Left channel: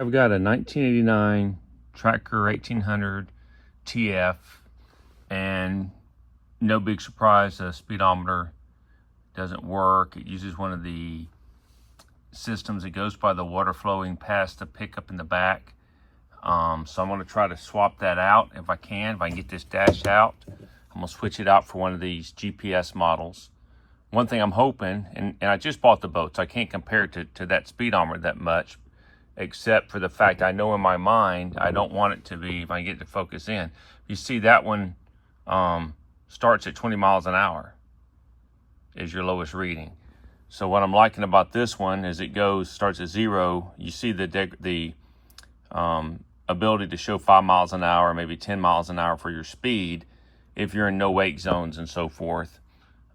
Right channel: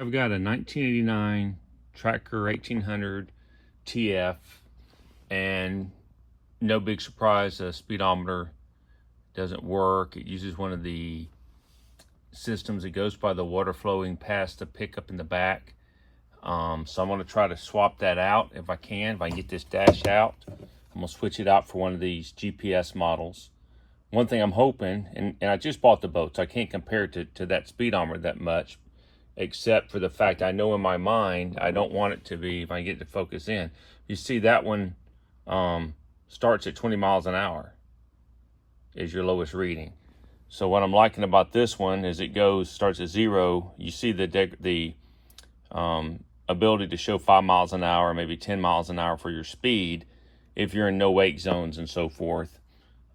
I've got a 1989 Tracker 1800 TF, and no big surprise, the speedometer doesn't work. It uses one of the systems that goes by the water flowing past the pickup in the back. So I'm going to try to swap that out if I can get this dash out. I'm going to switch it out for one of these GPS models. One thing I'm hoping, and I just bought the boat, so I can't compare it to that speedometer that much, except for the fact I know in my mind I don't want it to be, if I get to focus in. You see that one starts at 20 miles an hour is your lowest reading. So what I'm liking about this one is it starts at 0. You see the ability to show 5 miles an hour, maybe 10 miles an hour for your speed if you're in no wake zones and so forth.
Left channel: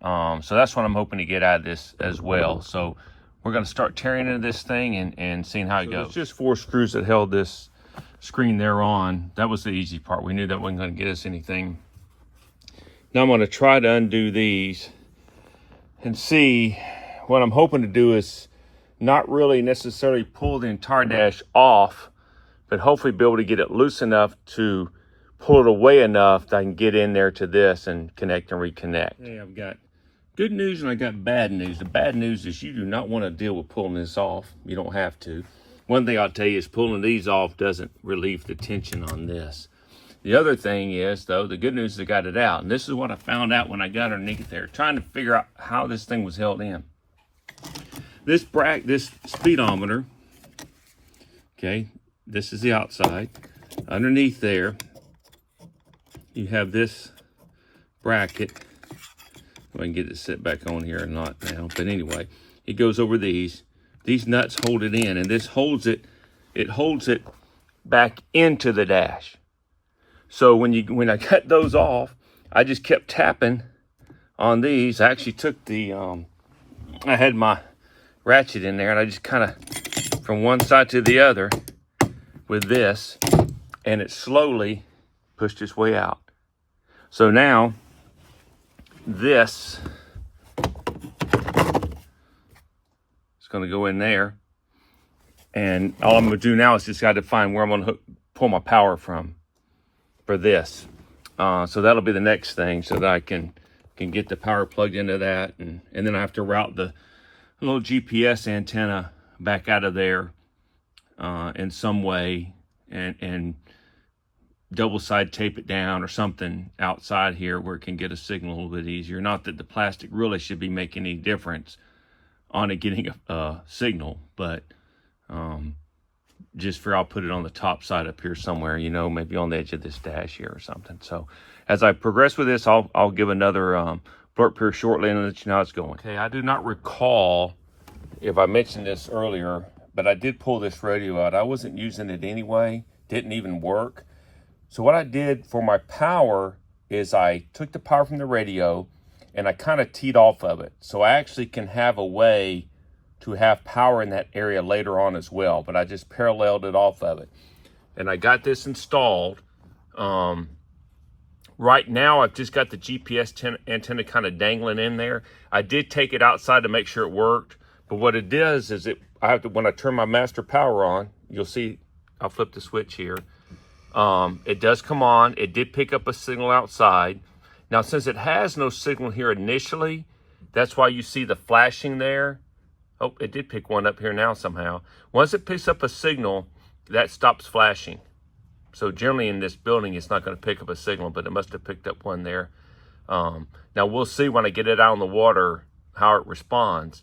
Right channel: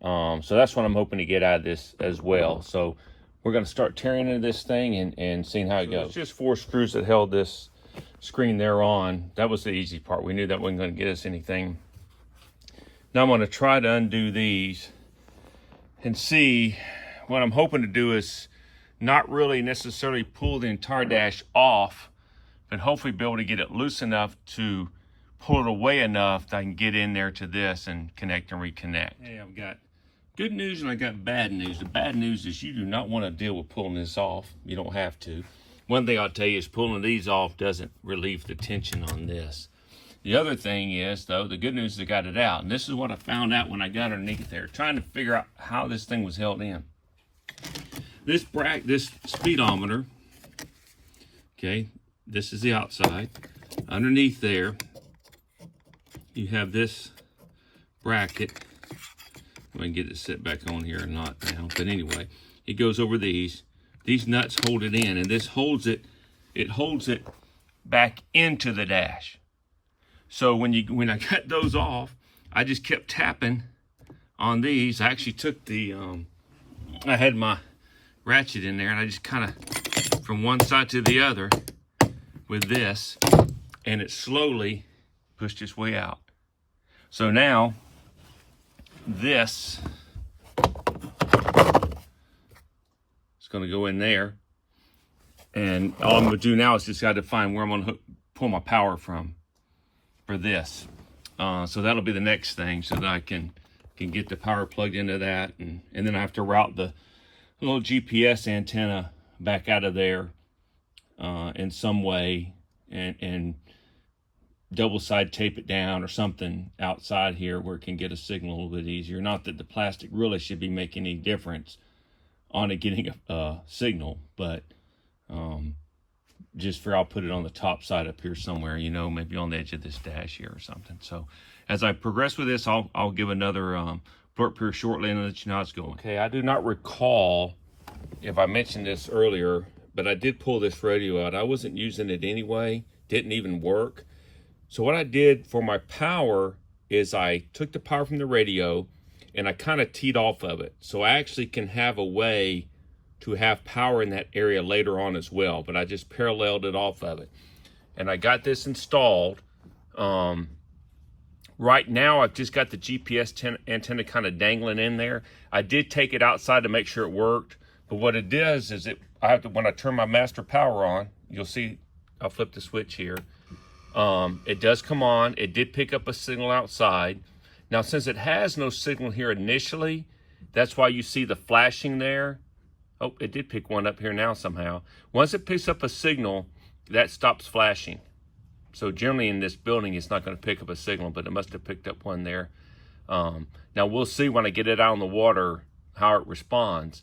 So that's what I'm hoping to get out of this as well. So we're going to start tearing into this thing and seeing how it goes. It's just 4 screws that held this screen there on. That was the easy part. We knew that wasn't going to get us anything. Now I'm going to try to undo these and see. What I'm hoping to do is not really necessarily pull the entire dash off, but hopefully be able to get it loose enough to pull it away enough that I can get in there to this and connect and reconnect. Hey, I've got good news and I got bad news. The bad news is you do not want to deal with pulling this off. You don't have to. One thing I'll tell you is pulling these off doesn't relieve the tension on this. The other thing is, though, the good news is I got it out. And this is what I found out when I got underneath there, trying to figure out how this thing was held in. This speedometer, okay, this is the outside. Underneath there, you have this bracket. I can get it set back on here or not now, but anyway, it goes over these. These nuts hold it in, and this holds it. It holds it back into the dash. So when I cut those off, I just kept tapping on these. I actually took I had my ratchet in there, and I just kind of from one side to the other with this, and it slowly pushed its way out. So now this is going to go in there, and all I'm going to do now is just got to find where I'm going to pull my power from for this. So that'll be the next thing, so that I can get the power plugged into that, and then I have to route the little GPS antenna back out of there in some way, and double side tape it down or something outside here where it can get a signal a little bit easier. Not that the plastic really should be making any difference on it getting a signal, but just for I'll put it on the top side up here somewhere, you know, maybe on the edge of this dash here or something. So as I progress with this, I'll give another blurb here shortly and let you know how it's going. Okay, I do not recall if I mentioned this earlier, but I did pull this radio out. I wasn't using it anyway, didn't even work. So what I did for my power is I took the power from the radio and I kind of teed off of it. So I actually can have a way to have power in that area later on as well, but I just paralleled it off of it. And I got this installed. Right now, I've just got the GPS antenna kind of dangling in there. I did take it outside to make sure it worked, but what it does is when I turn my master power on, you'll see, I'll flip the switch here. It does come on. It did pick up a signal outside. Now, since it has no signal here initially, that's why you see the flashing there. Oh, it did pick one up here now somehow. Once it picks up a signal, that stops flashing. So generally in this building, it's not going to pick up a signal, but it must have picked up one there. Now we'll see when I get it out on the water how it responds.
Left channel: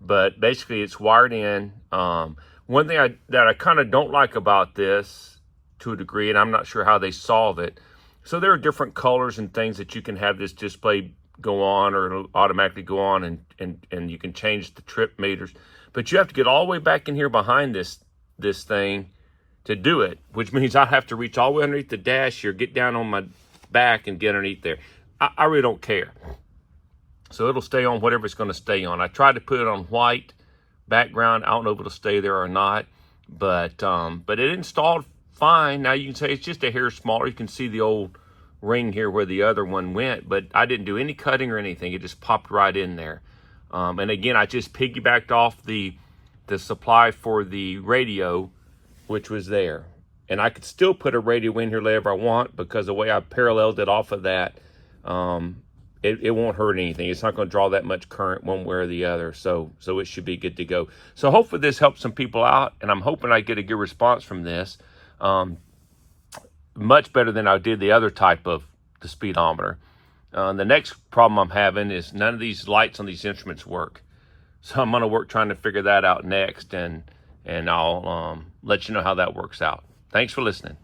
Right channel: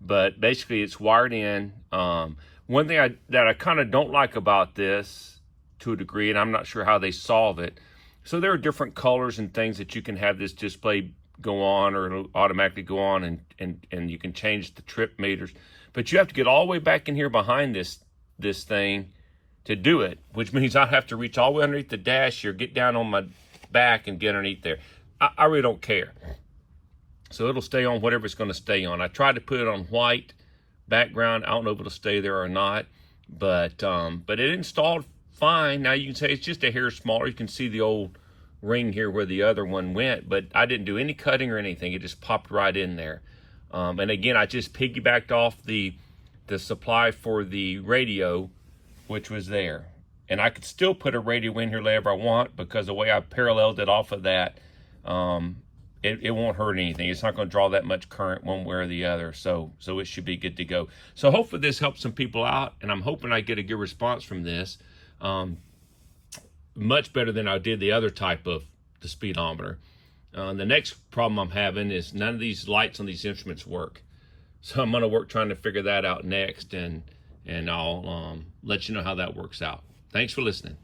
But basically it's wired in. One thing that I kind of don't like about this to a degree, and I'm not sure how they solve it. So there are different colors and things that you can have this display go on, or it'll automatically go on, and you can change the trip meters. But you have to get all the way back in here behind this thing to do it, which means I'll have to reach all the way underneath the dash here, get down on my back and get underneath there. I really don't care. So it'll stay on whatever it's going to stay on. I tried to put it on white background. I don't know if it'll stay there or not, but it installed fine. Now you can say it's just a hair smaller. You can see the old ring here where the other one went, but I didn't do any cutting or anything. It just popped right in there. And again, I just piggybacked off the supply for the radio which was there. And I could still put a radio in here later if I want, because the way I paralleled it off of that, it won't hurt anything. It's not going to draw that much current one way or the other. So it should be good to go. So hopefully this helps some people out, and I'm hoping I get a good response from this. Much better than I did the other type of the speedometer. The next problem I'm having is none of these lights on these instruments work. So I'm going to work trying to figure that out next, and I'll let you know how that works out. Thanks for listening.